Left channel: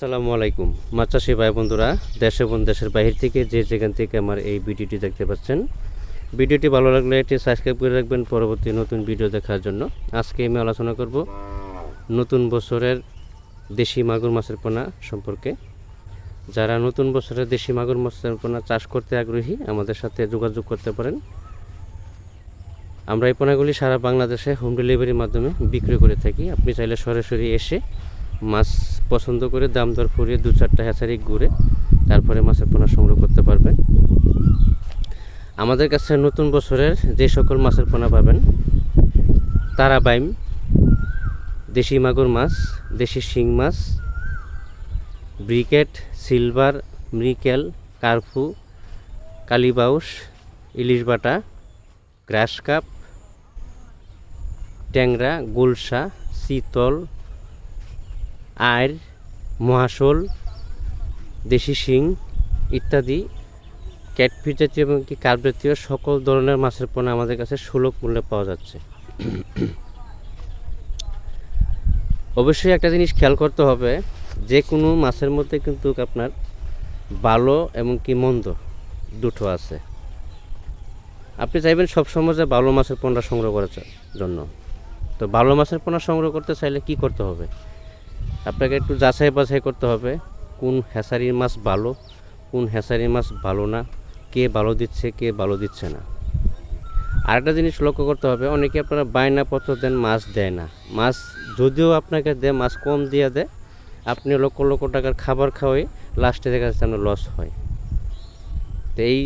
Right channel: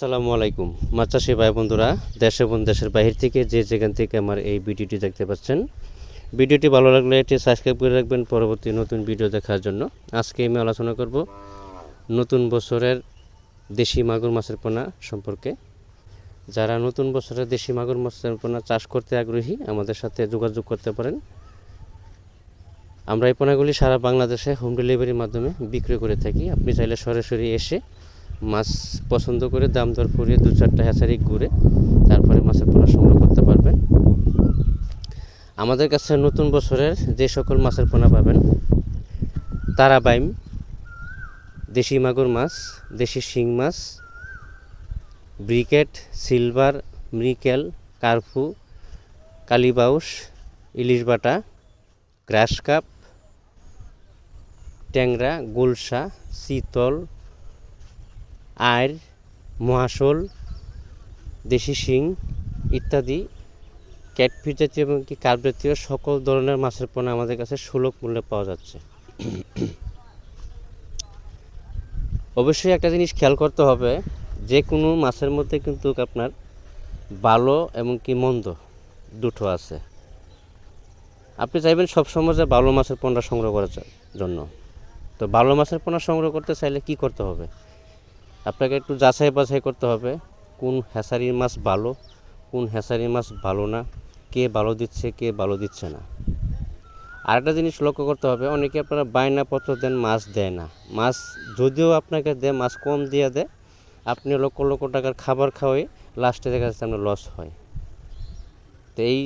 আসসালামু আলাইকুম মাছ চাষি ভাই বন্ধুরা, দেশ এবং দেশের বাহির থেকে যে যেখান থেকে আমার এই ভিডিওটি দেখতে পাচ্ছেন, ভিডিওটি ভালো লাগলে এটি সাবস্ক্রাইব করে রাখবেন পরবর্তী নতুন ভিডিও দেখার জন্য। আজকে আমি আলোচনা করব নতুন বছরের দেশি মাগুর মাছের পোনা সম্পর্কে। যারা নতুন বছরের দেশি মাগুর মাছের পোনা চাষ করতে আগ্রহী আমাদের সাথে যোগাযোগ করতে পারেন। আমরা এই পোনাগুলি সারা বাংলাদেশে হোম ডেলিভারির মাধ্যমে বিক্রি করে থাকি। আপনি চাইলে সরাসরি এসে মাছ পছন্দ করে দাম দর ফুরিয়ে 2-4টা হ্যাচারি ঘুরে তারপরে মাছের পোনা সংগ্রহ করতে পারবেন। আমাদের কাছে নতুন বছরের যে সকল মাছের পোনা পাবেন: তারাবাইম, দেশি মাগুর মাছ, দেশি শিং মাছ, ব্রিকেট, সিলভার, মৃকেল, কার্পু, কালীবাউস, ইলিশ বাটা, গ্রাস কাপ, ট্যাংরা, গুলশা, চিতল, আইর, মহাশোল, দেশি শিং ইত্যাদি ক্যাটফিশ জাতীয় এবং কার্প জাতীয় সকল ধরনের মাছের পোনা আমাদের কাছে সুলভ মূল্যে পাওয়া যাচ্ছে। অবশ্যই একটা জিনিস খেয়াল করতে হবে, যে কোনো মাছের মধ্যে কিন্তু আপনার ভালো এবং কি মন্দ দুটো আছে। আপনি চাইবেন সবসময় যে ভালো মাছের পোনা সংগ্রহ করার জন্য। তো ভালো মাছের পোনা সংগ্রহ করতে চাইলে কি করতে হবে? আপনাকে একটু যাচাই বাছাই করতে হবে কোন হ্যাচারির মাছ ভালো, কোন হ্যাচারির মাছ ভালো না, কে ভালো দিচ্ছে কে ভালো দিচ্ছে না। আরেকটা জিনিস লক্ষ্য করতে হবে, অনেকে আপনারা বায়নাপত্র দেন, মাছ দেয় না। মাছ যদিও আপনাকে দেয়, মাছ কম দিয়ে দেয়, আপনি লক্ষ লক্ষ টাকার খাবার খাওয়াই লাস্টে দেখা যাচ্ছে আপনার লস হয়। তো এই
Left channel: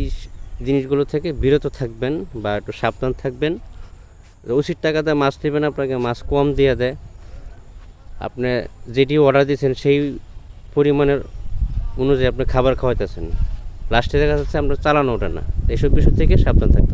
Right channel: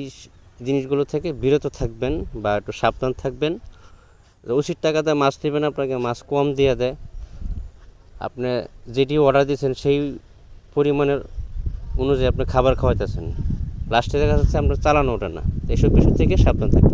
জিনিসগুলো থেকে বিরত থাকবেন বা একটু সাবধান থাকবেন। উচিত টাকা দিয়ে মাছ নেবেন, আপনাকে মাছ কম দিয়ে দেয়, আপনি যেটি অর্ডার দিয়েছেন সেই পরিমাণের অনুযায়ী আপনি খাবার খাওয়াইতেছেন, লাস্টে দেখা যাচ্ছে আপনার চালানো ওঠে না। এইসব বিষয় থেকে সাবধান থাকতে হবে।